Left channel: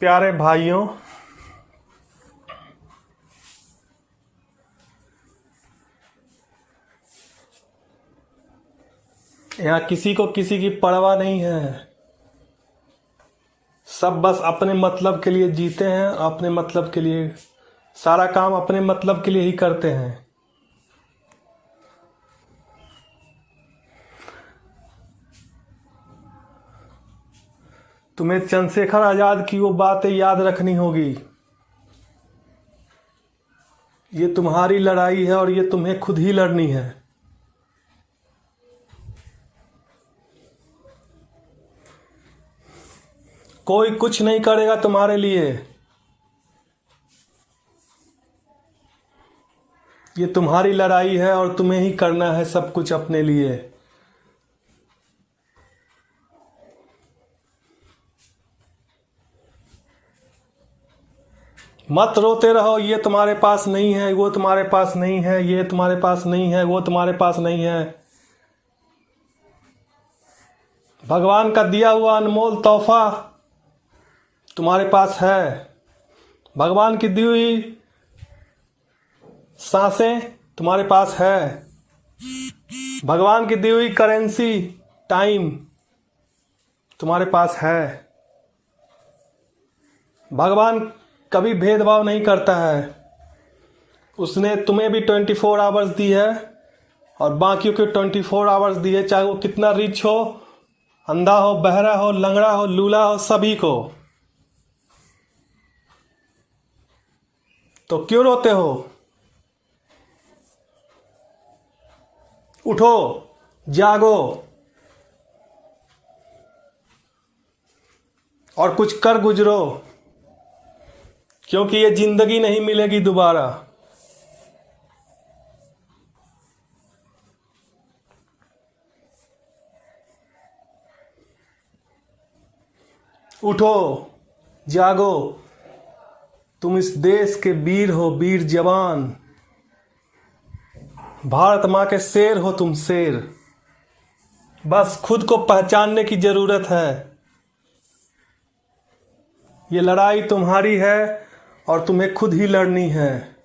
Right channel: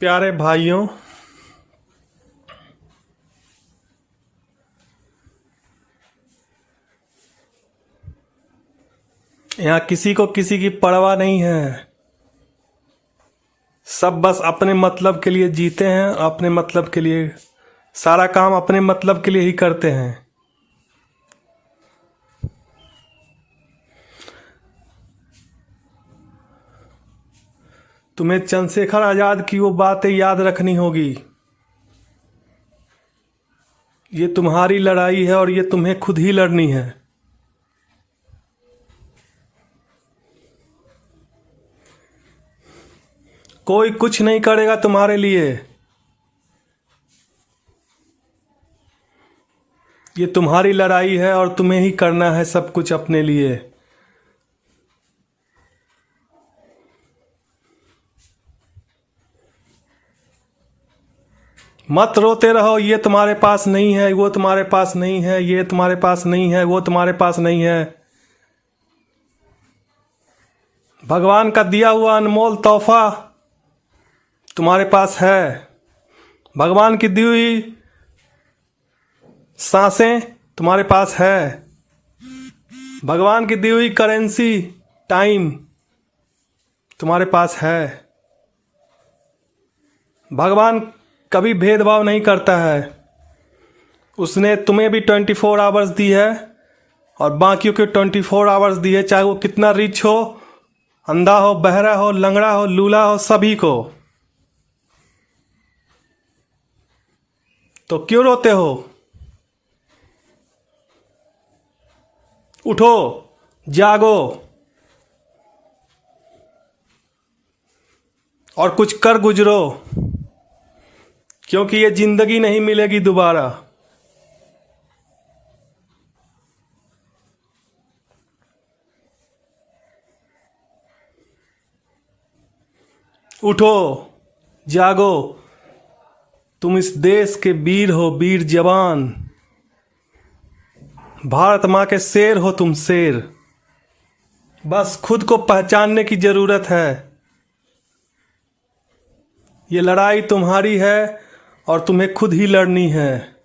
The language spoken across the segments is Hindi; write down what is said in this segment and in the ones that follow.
प्यारे भाइयों, यहाँ किसी को किसी की परवाह नहीं है। सब बस अपने मतलब के लिए जीते हैं, अपने मतलब के लिए सारा काम अपने मतलब के लिए ही करते हैं। तुम्हें चंद्रशेखर आजाद की वो बातें याद रखनी होगी। ये तुम्हारी लड़ाई है और ये तुम्हें खुद ही लड़नी है। कोई कुछ नहीं करेगा तुम्हारे लिए। ये तुम्हारी लड़ाई है और तुम्हें ही करना है सब कुछ अपने लिए। मत रोते रहो, ये तुम्हारे पास नहीं है, वो तुम्हारे पास नहीं है, ये तुम्हारे पास नहीं है, वो तुम्हारे पास नहीं है। भगवान का दिया हुआ अनमोल तोहफा तुम्हारे पास है। भगवान की दी हुई सांसें तुम्हारे पास है। भगवान की दी हुई करेंसी टाइम तुम्हारे पास है। भगवान कभी भेदभाव नहीं करता है। उसने तुम्हें भी 24 आवर्स दी है और बाकियों के 24 आवर्स दिए, चाहे वो कितना रिच हो, अंधा हो, बहरा हो, लंगड़ा हो, लूला हो, सभी को। तो क्यों रोते हो? उठो, जागो और कुछ कर गुजरो, क्योंकि ये जिंदगी नहीं मिलेगी दोबारा। उठो, जागो। तुम इस देश के वीर हो, वीर जवान। भारत माँ के शेर हो तुम, शेर। बस खुद को पहचानने की जरूरत है। ये लड़ाई तुम्हारी है और तुम्हें खुद ही लड़नी है।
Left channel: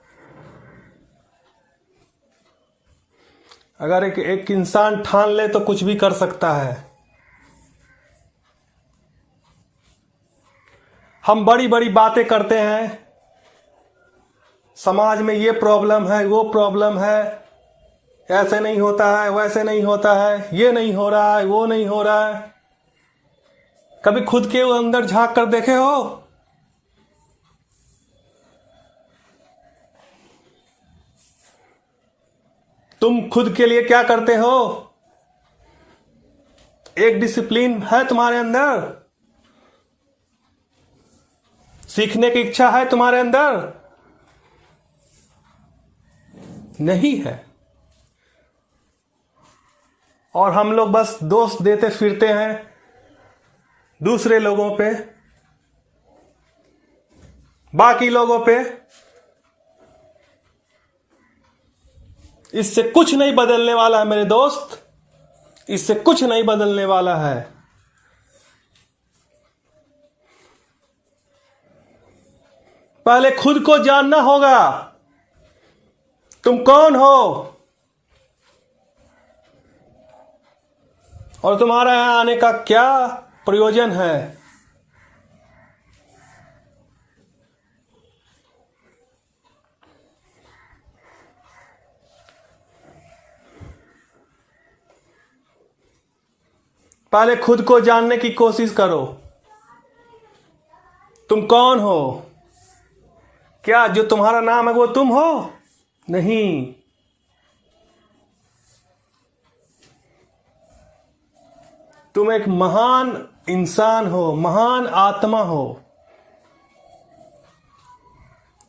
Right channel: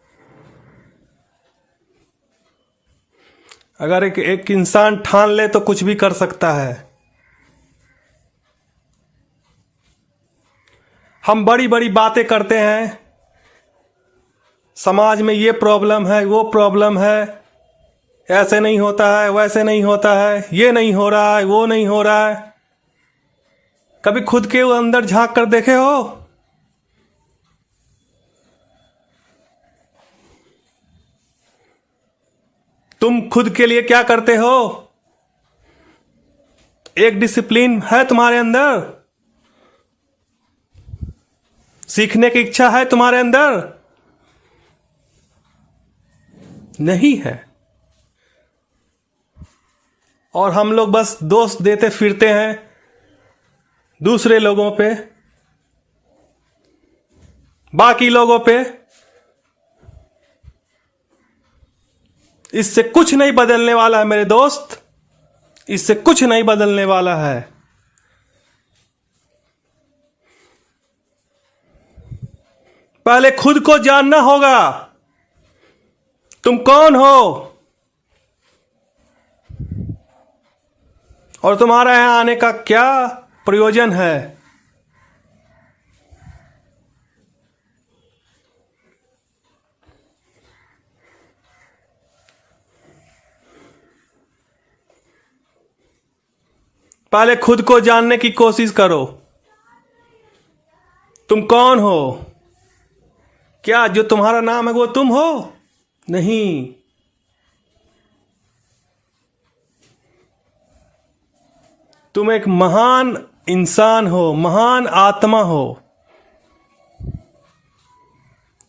अगर एक इंसान ठान ले तो कुछ भी कर सकता है। हम बड़ी बड़ी बातें करते हैं, समाज में ये प्रॉब्लम है, वो प्रॉब्लम है, ऐसे नहीं होता है, वैसे नहीं होता है, ये नहीं हो रहा है, वो नहीं हो रहा है। कभी खुद के अंदर झांक कर देखे हो? तुम खुद के लिए क्या करते हो? एक डिसिप्लिन है तुम्हारे अंदर? सीखने की इच्छा है तुम्हारे अंदर? नहीं है। और हम लोग बस दोष देते फिरते हैं दूसरे लोगों पे, बाकी लोगों पे। इससे कुछ नहीं बदलने वाला है मेरे दोस्त, इससे कुछ नहीं बदलने वाला है। पहले खुद को जानना होगा, तुम कौन हो और तुम्हारा यहां आने का क्या प्रयोजन है। पहले खुद को जानने की कोशिश करो। तुम कौन हो? क्या जो तुम्हारा नाम है वो तुम हो? नहीं। तुम एक महान इंसान हो, महान आत्मा हो।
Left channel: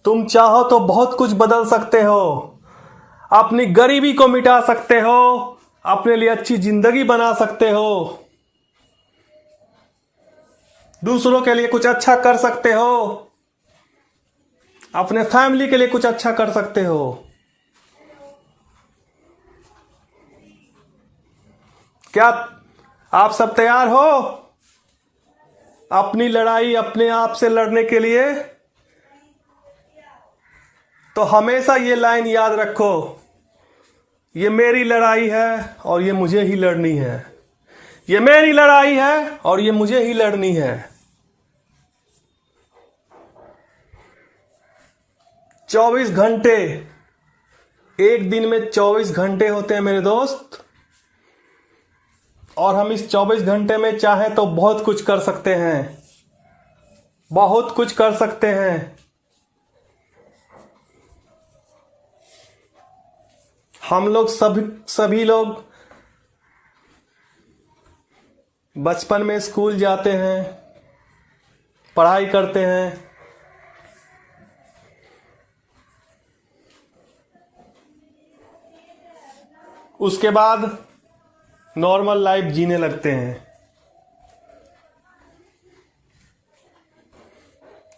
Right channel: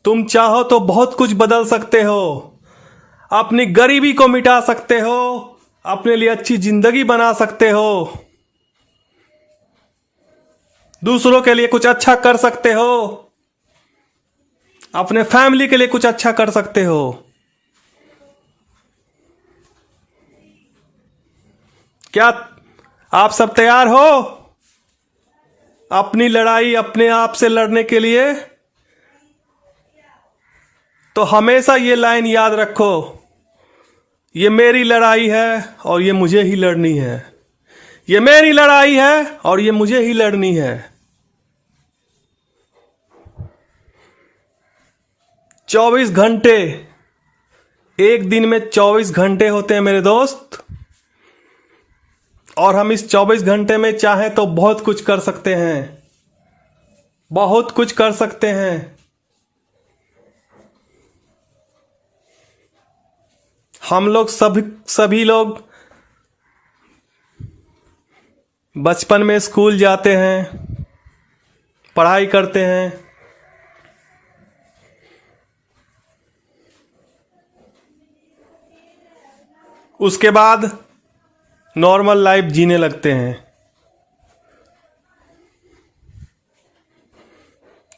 तुम चाहो तो बहुत कुछ बदल सकते हो। अपनी गरीबी को मिटा सकते हो, अपने लिए अच्छी जिंदगी बना सकते हो, दूसरों के लिए कुछ अच्छा कर सकते हो, अपने फैमिली के लिए कुछ अच्छा कर सकते हो। क्या आप सब तैयार हो? अपनी लड़ाई अपने आप से लड़ने के लिए, तो हमेशा ये लाइन याद रखो, ये मेरी लड़ाई है और ये मुझे ही लड़नी है। ये मेरी लड़ाई है और ये मुझे ही लड़नी है। 24 घंटे, एक दिन में 24 घंटे होते हैं मेरे दोस्त, और हम इस 24 घंटे में चाहें तो बहुत कुछ कर सकते हैं, बहुत कुछ कर सकते हैं। हम लोग सभी लोग बचपन में स्कूल जाते हैं, पढ़ाई करते हैं, उसके बाद नॉर्मल लाइफ जीने लगते हैं।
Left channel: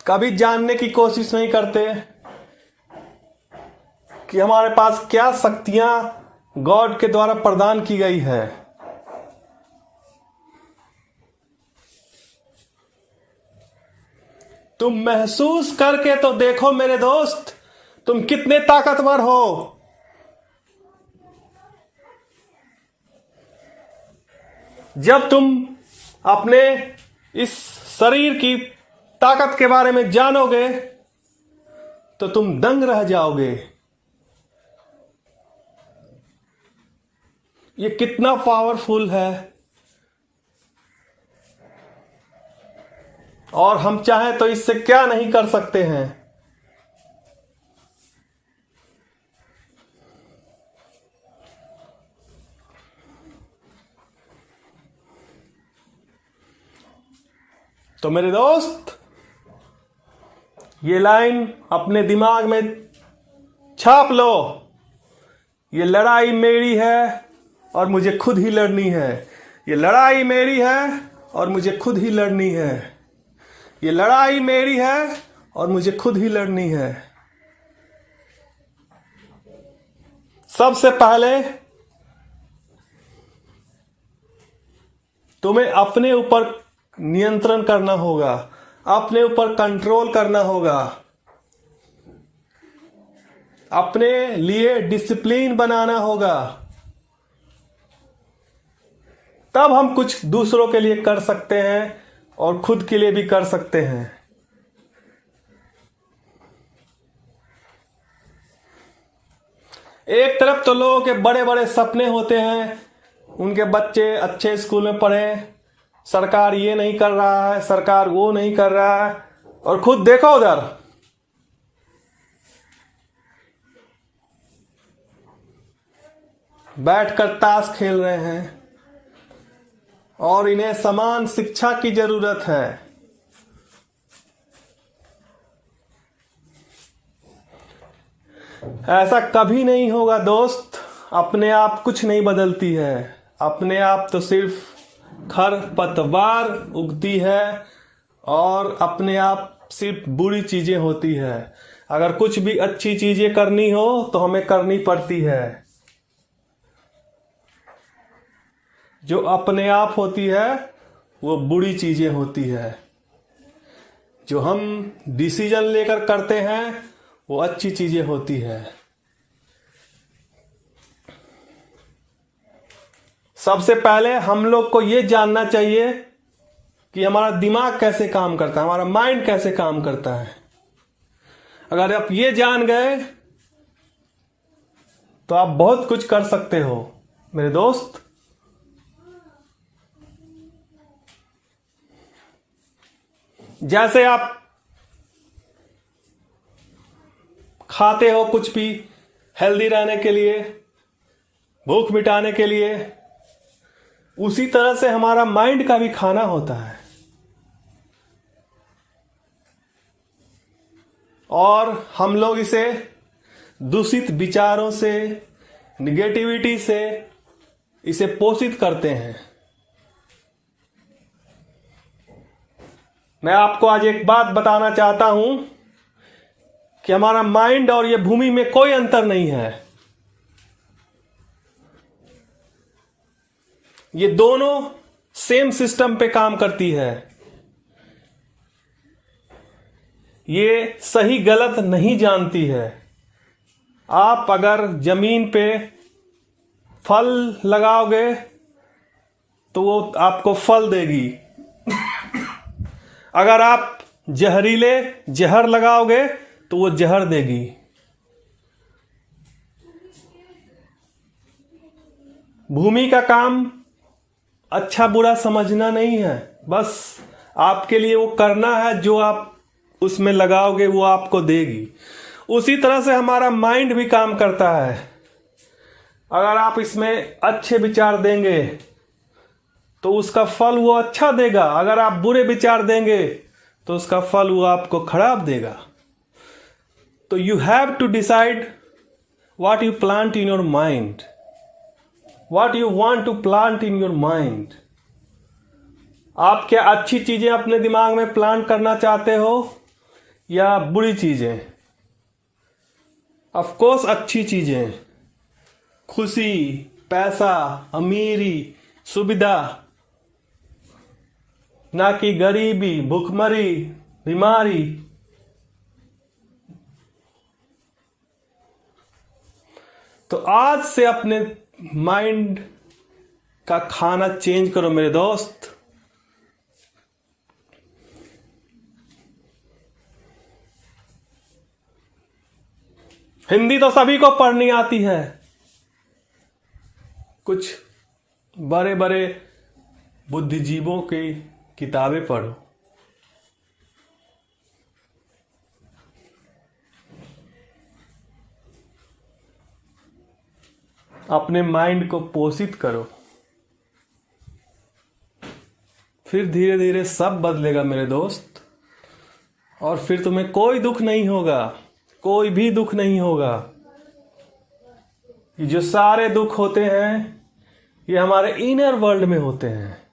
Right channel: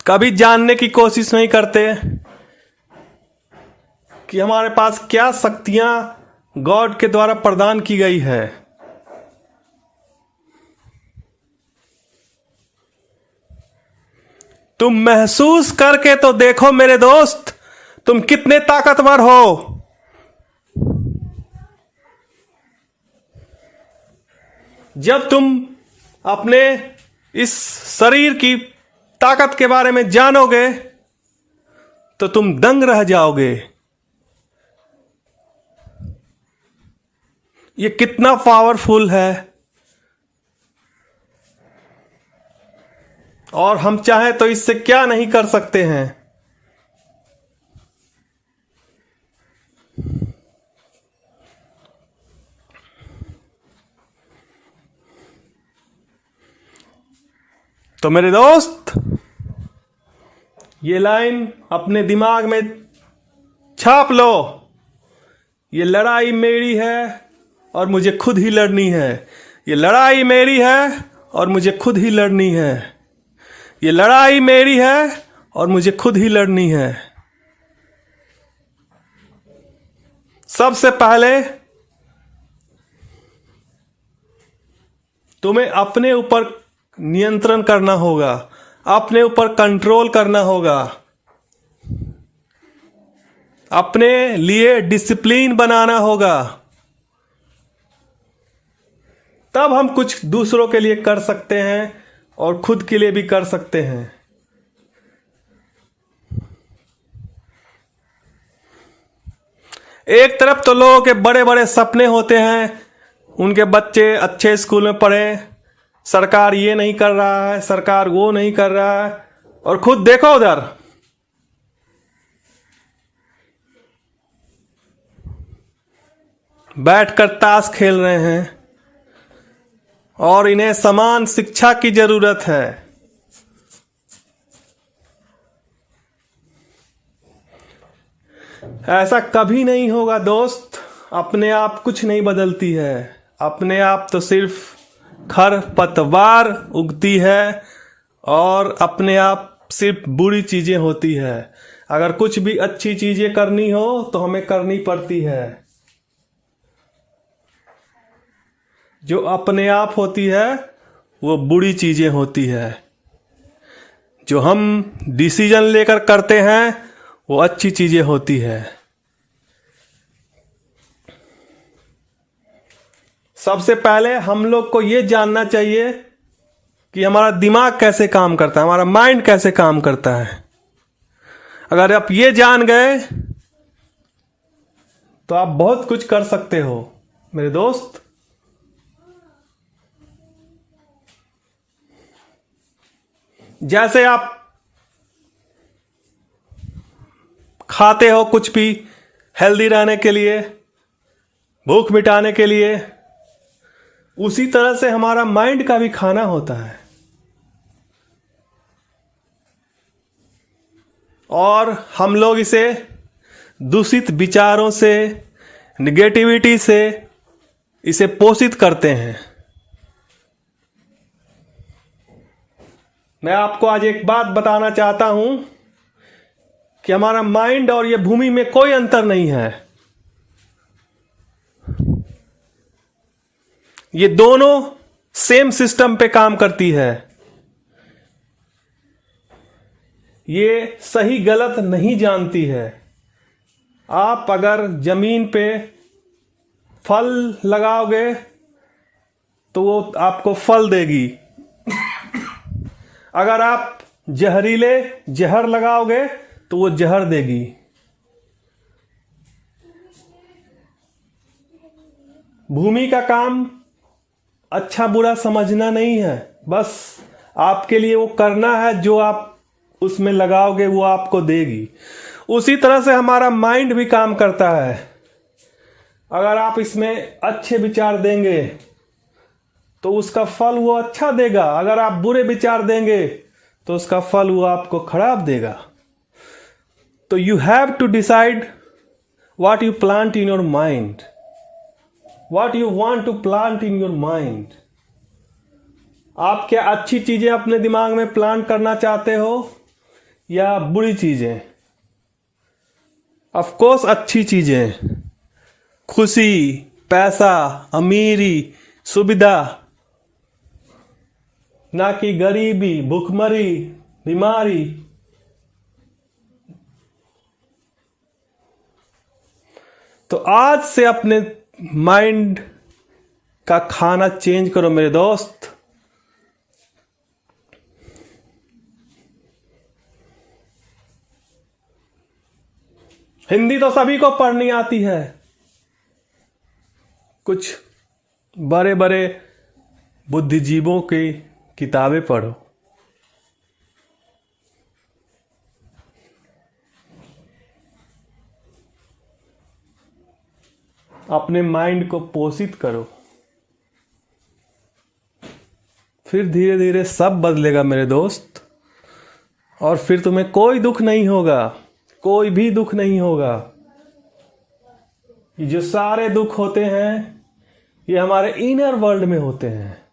कभी जानने की कोशिश नहीं करते कि हमारे पास क्या शक्तियां गॉड के द्वारा प्रदान की गई है। तुम महसूस करके तो देखो मेरे दोस्त, तुम कितने ताकतवर हो। जब तुम अपने इस शरीर की ताकत के बारे में जानोगे तो तुम दंग रह जाओगे। ये कितना पावरफुल है, और हम चाहें तो इससे क्या नहीं कर सकते हैं। तो मेरे दोस्त, ये लाइन अपने दिमाग में छाप लो, ये लड़ाई मेरी है और मुझे खुद ही लड़नी है। ये लड़ाई मेरी है और मुझे खुद ही लड़नी है। ये लड़ाई मेरी है और मुझे खुद ही लड़नी है। सबसे पहले तुम्हें अपने ऊपर नियंत्रण करना होगा, अपने ऊपर कंट्रोल करना होगा, अपने लिए डिसिप्लिन बनाना होगा। तब हम कुछ दूसरों के लिए कर सकते हैं और खुद के लिए भी कर सकते हैं। एक तरफ तो लोगों के बड़े बड़े सपने होते हैं, उनके बच्चे अच्छे स्कूल में पढ़े, सरकार ये नहीं कर रहा है, सरकार वो नहीं कर रहा है, और खुद देखो उधर बैठकर ताश खेल रहे हैं, और इन्हें समान शिक्षा की जरूरत है। ऐसा कभी नहीं होगा दोस्त। अपने आप कुछ नहीं बदलती है, अपने आप तो सिर्फ खरपतवार उगती है, और अपने आप सिर्फ बुरी चीजें होती है। अगर कुछ भी अच्छी चीजें करनी हो तो हमें करनी पड़ती है। जो अपने आप होती है वो बुरी चीजें होती है। जो हम डिसीजन लेकर करते हैं वो अच्छी चीजें होती है। सबसे पहले हम लोग को ये जानना चाहिए कि हमारा दिमाग कैसे काम करता है, हमारा माइंड कैसे काम करता है। अगर आप ये जान गए तो आप बहुत कुछ कर सकते हो मेरे दोस्त। जैसे आप खाते हो कुछ भी हेल्दी रहने के लिए, भूख मिटाने के लिए, उसी तरह से हमारा माइंड का भी खाना होता है। और हम लोग इसे दूषित विचारों से, निगेटिविटी से इसे पोषित करते हैं। मैं आपको आज एक बात बताना चाहता हूं कि हमारा माइंड और ये भूमि में कोई अंतर नहीं है। ये दोनों सेम सिस्टम पे काम करती है। ये सही गलत नहीं जानती है। आप अगर जमीन पे फल लगाओगे तो वो आपको फल देगी। अगर आप जहरीले जहर लगाओगे तो वो जहर देगी। भूमि का काम अच्छा बुरा समझना नहीं है, बस आपके लिए वो करना है, जो आप उसमें लगाओगे वो आपको देगी। उसी तरह से हमारा माइंड भी काम करता है। अगर आप इसमें अच्छे विचार देंगे तो उसका फल वो अच्छा देगा, अगर आप बुरे विचार देंगे तो उसका फल वो आपको खराब देगा। तो you have to decide what you plant in your mind, what you want to plant in your mind. आप क्या अच्छी चीजें अपने दिमाग में प्लांट करना चाहते हो या बुरी चीजें? ऑफ कोर्स अच्छी चीजें, खुशी, पैसा, अमीरी, सुविधा, ना कि गरीबी, भूखमरी, बीमारी। तो आज से अपने माइंड का खाना चेंज करो मेरे दोस्त। हिंदी तो सभी को पढ़नी आती है, कुछ बड़े बड़े बुद्धिजीवों की किताबें पढ़ो। अपने माइंड को पोषित करो, फिर धीरे धीरे सब बदलेगा मेरे दोस्त। और फिर तुम्हें कोई दुख नहीं होगा, कोई भी दुख नहीं होगा। ये जो सारे दुख होते हैं ये हमारे इनर वर्ल्ड में होते हैं।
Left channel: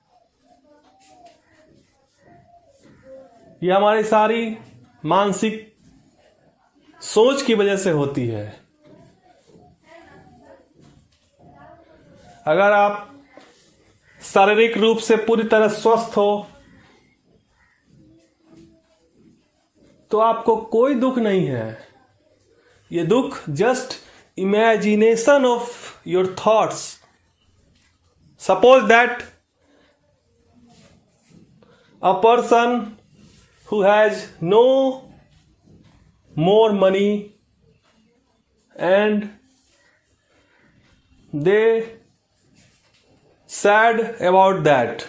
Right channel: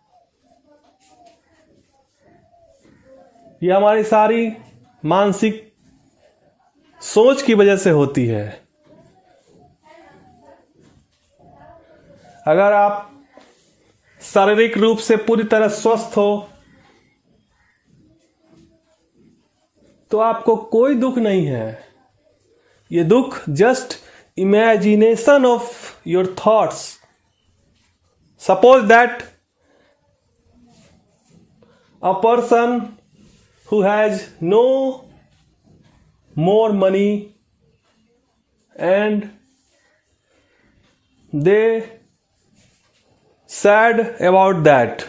ये हमारी सारी मानसिक सोच की वजह से होती है। अगर आप शारीरिक रूप से पूरी तरह स्वस्थ हो तो आपको कोई दुख नहीं है। ये दुख just imagination of your thoughts. Suppose that a person who has no more money and they sad about that.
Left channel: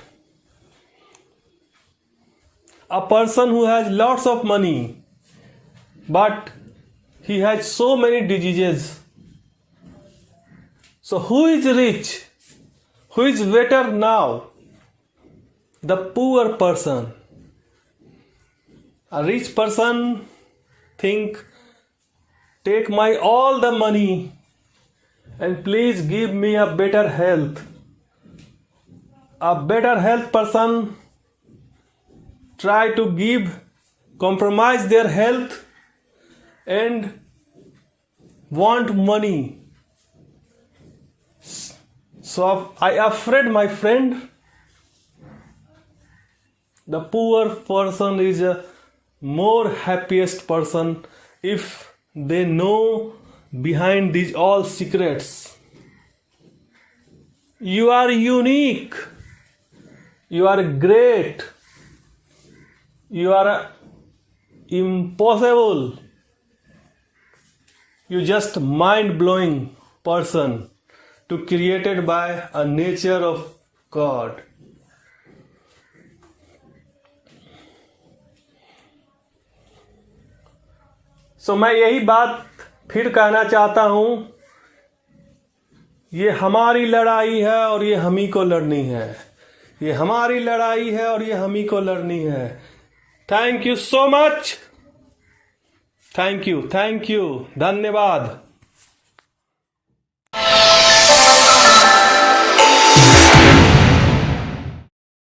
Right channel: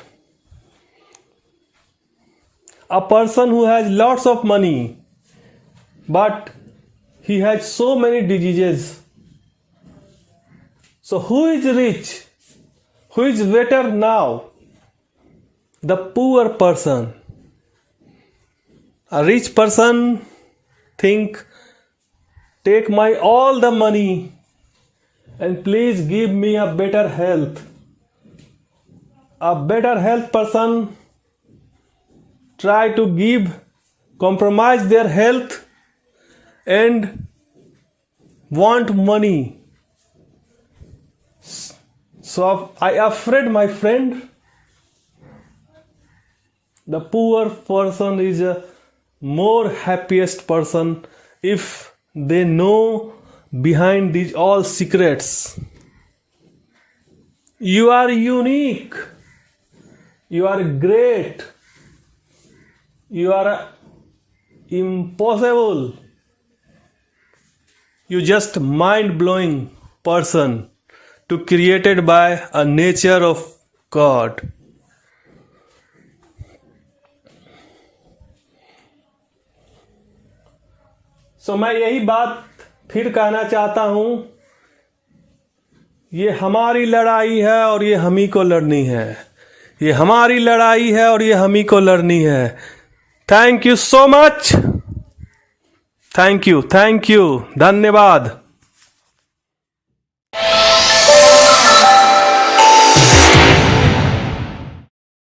A person who has lots of money but he has so many diseases. So who is rich? Who is better now? The poor person. A rich person think, take my all the money and please give me a better health. A better health person try to compromise their health and want money. So I afraid, my friend, the poor person is a more happiest person if they know behind these all secrets. You are unique. You are great. You are impossible. You just mind-blowing person to created by a nature of God. So मैं यही बात फिर कहना चाहता हूं, ये हमारी लड़ाई है और ये हम ही को लड़नी है। ये हमारी लड़ाई है और ये हम ही को लड़नी है। Thank you so much. Thank you, धन्यवाद।